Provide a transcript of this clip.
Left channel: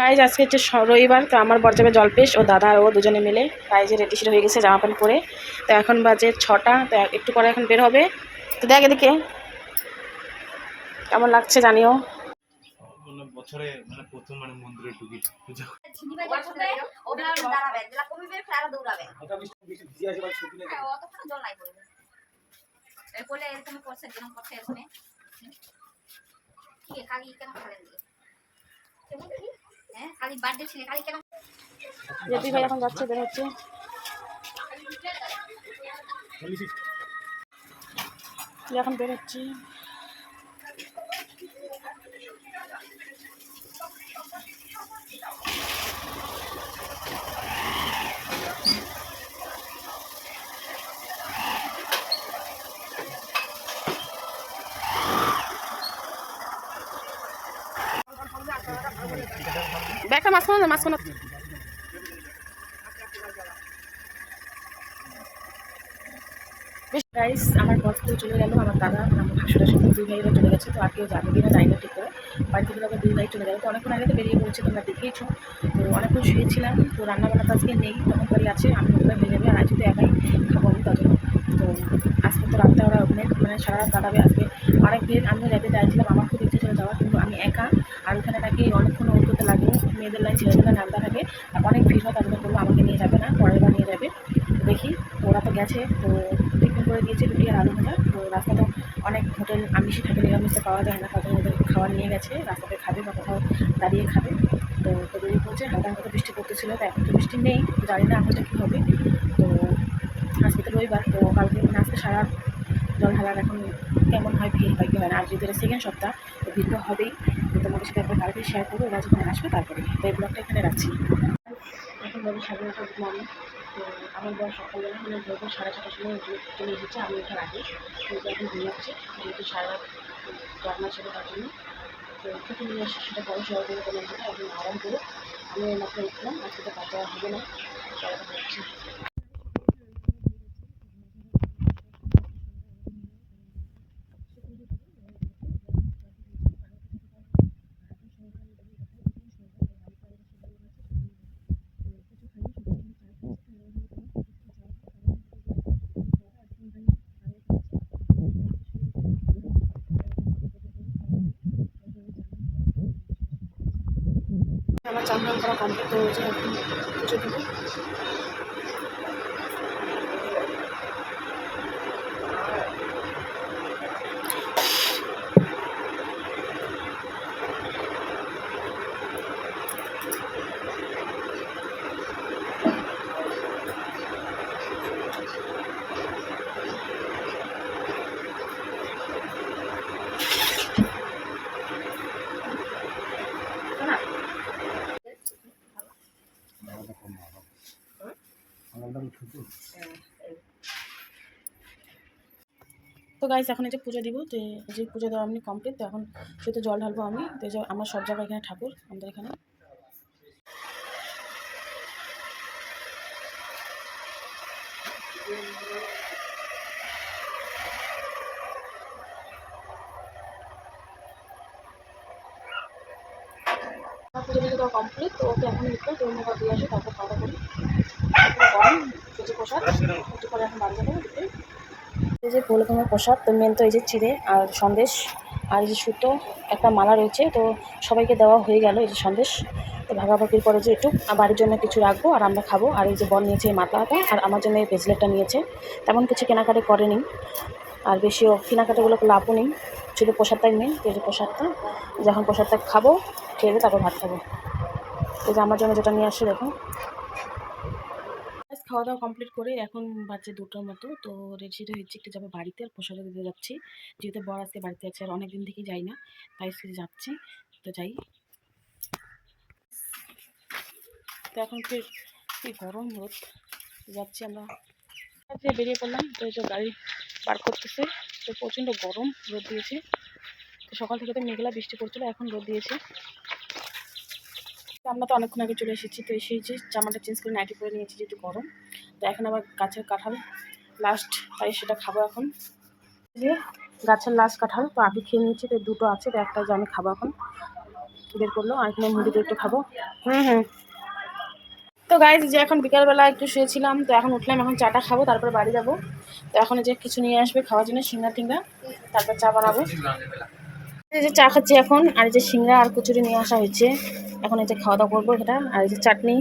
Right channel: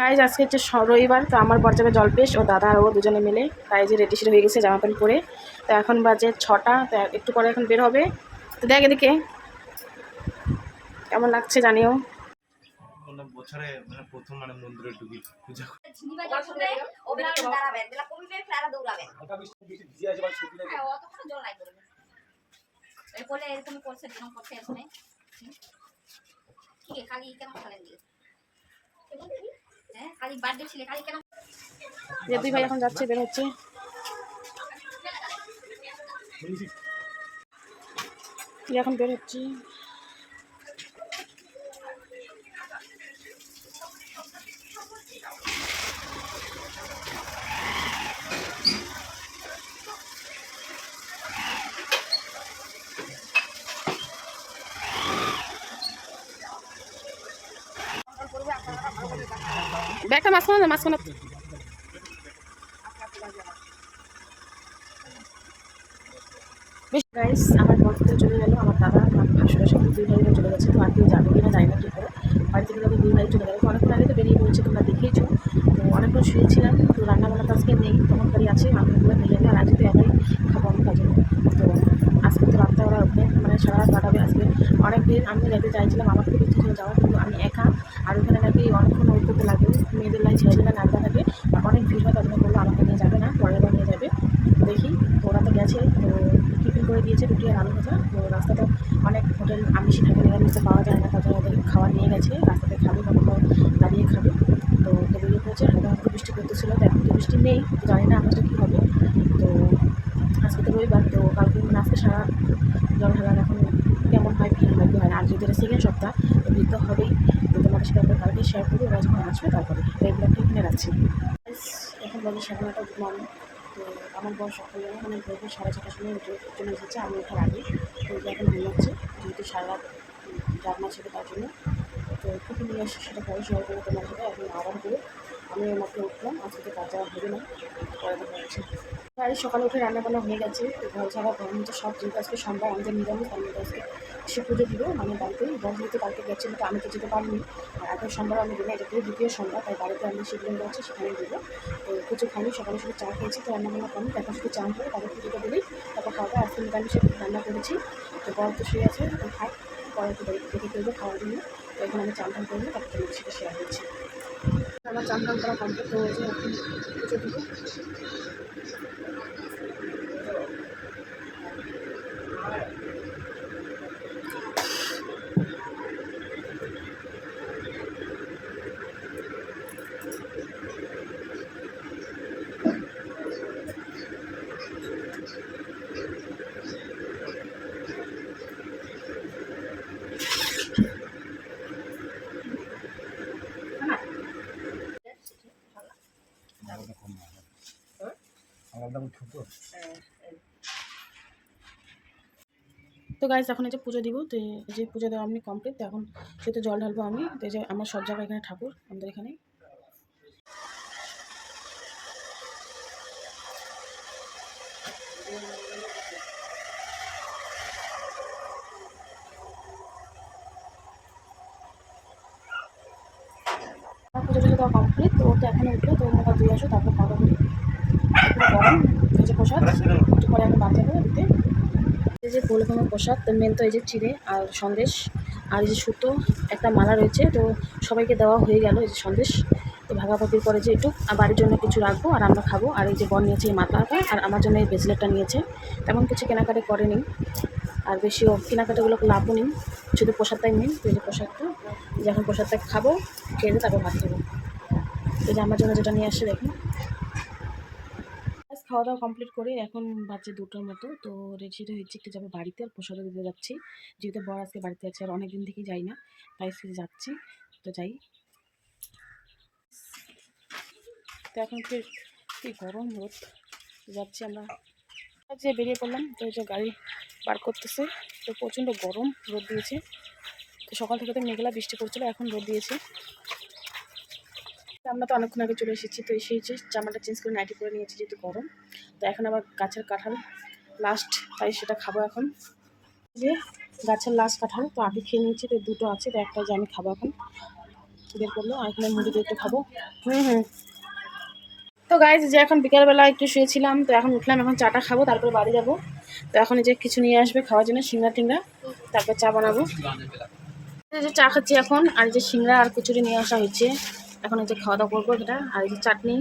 Guys আজকে হচ্ছে রবিবার, তো আমার বর যাবে জলপেশ, ও দাদা আর ও দুজনে মিলে গাইজে রেডি সেডি হয়ে গেছে জামা প্যান্ট পরে। তো এখন বাজে 6টা, তো একটু পরে এখন বের হবে। তো দেখ এদিকে কেমন লাগছে জানিও। বছরে মানে প্রথম মানে মন্দিরে ঢুকি পূজা দুই ভাই এখন যাচ্ছে, বের হচ্ছে। এখন বের হচ্ছে। ব্যাগটা মাঝখানে মাঝখানে বেশ গাইস, আমার বর তো চলে গেল, আমার দাদা আমার ভাসুরের সাথে দুই ভাইরা চলে গেছে। তো আর কেউ যাবে কিনা জানি না ঠিক করে। বাড়ি থেকে তবে দুই ভাই চলে গেল। তো অনেকক্ষণ আগে তো বেরিয়ে পড়েছে, তোমরা দেখেইছো। তো অনেকক্ষণ শুয়েছিলাম, তো রান্নাবান্না তো আজকে নেই, তখন বাড়ি আছে, আমি ওগুলো হয়ে যাবে। আর আজ তো একাই খাবো আমি, তার জন্য। তো আজকে তো রাতটা ওরা মানে সারা রাত কাটাবে আজকে। অনেক দিন আমিও যেতে চাইছিলাম, আমার খুব ইচ্ছে ছিল যাওয়ার, কিন্তু আমি একা। আর ওখানে নাকি অনেকক্ষণ ওয়েট করতে লাগে, মেয়েদের লাইন ছেলেদের লাইন আলাদা থাকে, আর অনেক ভিড় হয়। তার জন্য বললো আমাকে নিয়ে যাবে না, পরের বার নিয়ে যাবে। দেখি, তো ওরা তো গেছে। তো টিফিন করে দিয়েছে রুটি আর আলু ভাজা। তো রাস্তাটা অনেক হোটেল আমিষে থাকে, নিরামিষে পাওয়া যায় না, তার জন্য ওদের খাবার নিয়ে গেছে, রাস্তাতে খাবে বা কোথাও দাঁড়িয়ে খাবে। তো বেরিয়ে পড়ছে। হালকা হালকা বৃষ্টি পড়তেছিল, তো এখন তো বৃষ্টি নেই, জানি না আকাশটা কী হবে। তো আজকে তো রবিবার, তো কালকে মানে আজকে সারা জল ঢালার এখন কেমন হয়, ভিড় হয় কি হয় না। আর যেহেতু সেকেন্ড সপ্তাহ, তো ভিড় তো হবেই। তো তোমাদের সাথে একবার কালকে শেয়ার করবো, ওরা যখন আসবে তারপরে। তো এই ব্লগটা এখানে রাখছি। এখন বাজে 9:30 গুড মর্নিং। তো আমার বর সকালবেলা মানে ভোর 6:30টার সময় চলে এসেছে, আমি ওঠার আগে। তো এখন ঘুমাচ্ছি, যেহেতু সারা রাত জাগনা ছিল তার জন্য। তো কিছু নিয়ে এসে সেটা পরে শেয়ার করবো তোমার সাথে। এখন আরাম করো, আমি মাত্র উঠলাম, আজকে তো কাজ হবে না, পরে দেখা যাচ্ছে। আর সকালে উঠে রান্নাবান্না হয়ে গেছে। তো ঘর ছাড়া তো সব, যেহেতু আজকে সোমবার, আমাদের নিরামিষ, তার মধ্যে আজকে সে পুজো দিব মানে বাড়িতে। বর যেহেতু কালকে গেছিলো, তো আমি তো যেতে পারিনি। আর আগের সোমবার আমি দিনে, এটা থেকে দ্বিতীয় সোমবার, তাই বাড়িতে আমি সেগুলো যাচ্ছি, সেখানে দেবো। তো কিছু খালি সকালে শুধু চা খেয়েছি, তো রান্নাবান্না করি, তারপর শুধু চা করে তাদের পুজোটা দিই, তারপর খাওয়া দাওয়া। আজকে নিরামিষ রান্না করেছি। তো বর তো শুয়ে আছে, খাই, পরে তো দেখে করবো খাওয়ার জন্য। তো এখন আমি চান টান করবো, তারপর তোমাদের সাথে শেয়ার করছি। আমার চান টান করা কমপ্লিট, তো হচ্ছে এখন পুজো দিব। তো গাইস, এখন এই যে পুজো দিব, তো এই যে পুজো দেওয়া আমি কমপ্লিট। তো এখন যেহেতু জল ঢালবো আমি, তো এই যে আমার সব জায়গায় এখানে ঠাকুর, আমাদের এখানে। আমার পুজো টুজো দেওয়া কমপ্লিট, তো ওকে এখন উঠলো, তো মুখ দিয়ে আসো, তারপর খাওয়া দাওয়া করি। গরম এই যে প্রসাদ, একটু পরে এখন বাদ যাবো দিতে। এই যে গোলগমের প্রসাদ, তো মেন তো এই যে চিড়ে আর সন্দেশ, আর এই যে সুতো একটা মালা রয়েছে, তো সবাইকে দেওয়া হয়ে গেল এই যে সন্দেশ। তো ভাগাভাগির পরে যে একটু বাড়ির জন্য কিছু রাখবো আর আমরা খাবো। আর এই যে বর নিয়েছে এই মাথাটা, আর আমার জন্য এই ব্রেসলেটটা নিয়েছে। তেমন কিছু কেনাকাটি করেনি, আর বেশিও কেনাকাটাগুলো লাভও নেই, শুধু প্রসাদটাই মেন। তো এই যে প্রসাদটা, যখন প্রসাদটা খাবো, খেয়ে তারপর ভাত খাবো। তো যে আমার জন্য যেটা নিয়ে আসছে দেখো। খাওয়া দাওয়া কমপ্লিট করে এখন বাজে 2টার মতো। তো রেডি হচ্ছে, একটু যাবো বাড়িতে, আর প্রসাদও দিতে যাচ্ছি। যেহেতু বর আজকে বাড়িতে আছে, আর অনেকদিন থেকেই যাই না, তাই আজকে যাচ্ছি। তো যাই। তো এখন কি গরম রোদ, যাচ্ছি আমরা। যে বেরিয়ে পড়লাম, তো এই যে গাড়ি পার করতেছে। তো প্রচণ্ড গরম রোদ দিয়েছে। তো সকাল থেকে তো মেঘলা বৃষ্টি পড়ছিল, এখন রোদ দিয়েছে। আমরা তো অনেকক্ষণ আগে চলে এসেছি। তো এসে যে জামাটা চেঞ্জ করে নাইটি পরে নিয়েছি, যেহেতু গরম। তো এখন আবার গাছের কাঁঠাল লাস্ট, তাই সেটা খাবো এখন। যে গাছের লাস্ট কাঁঠাল, তো আগে খেয়ে নিয়েছি, তো 2টো আছে, তো একটা যে আমি খাবো এখন। বের করলো, আর এখানে মুড়ি দিয়ে একটু খাবো। তো গাইজ যে এখন বিকালবেলা একটু শুয়েছিলাম, তো এখন উঠলাম, এখন চাটা খাবো, তারপরে বাড়ি যাব। তো এখন এই যে কিছু নিয়ে আসবে খাওয়ার জন্য, সিঙ্গা টিঙ্গা, তারপর চা বানাবো। এই যে চা খাচ্ছি এখন, আর এই যে সিঙ্গা আর কচুরি নিয়ে আসা হয়েছে, এখন এই যে খাওয়া দাওয়া করবো এটা, আর এই যে চাটনি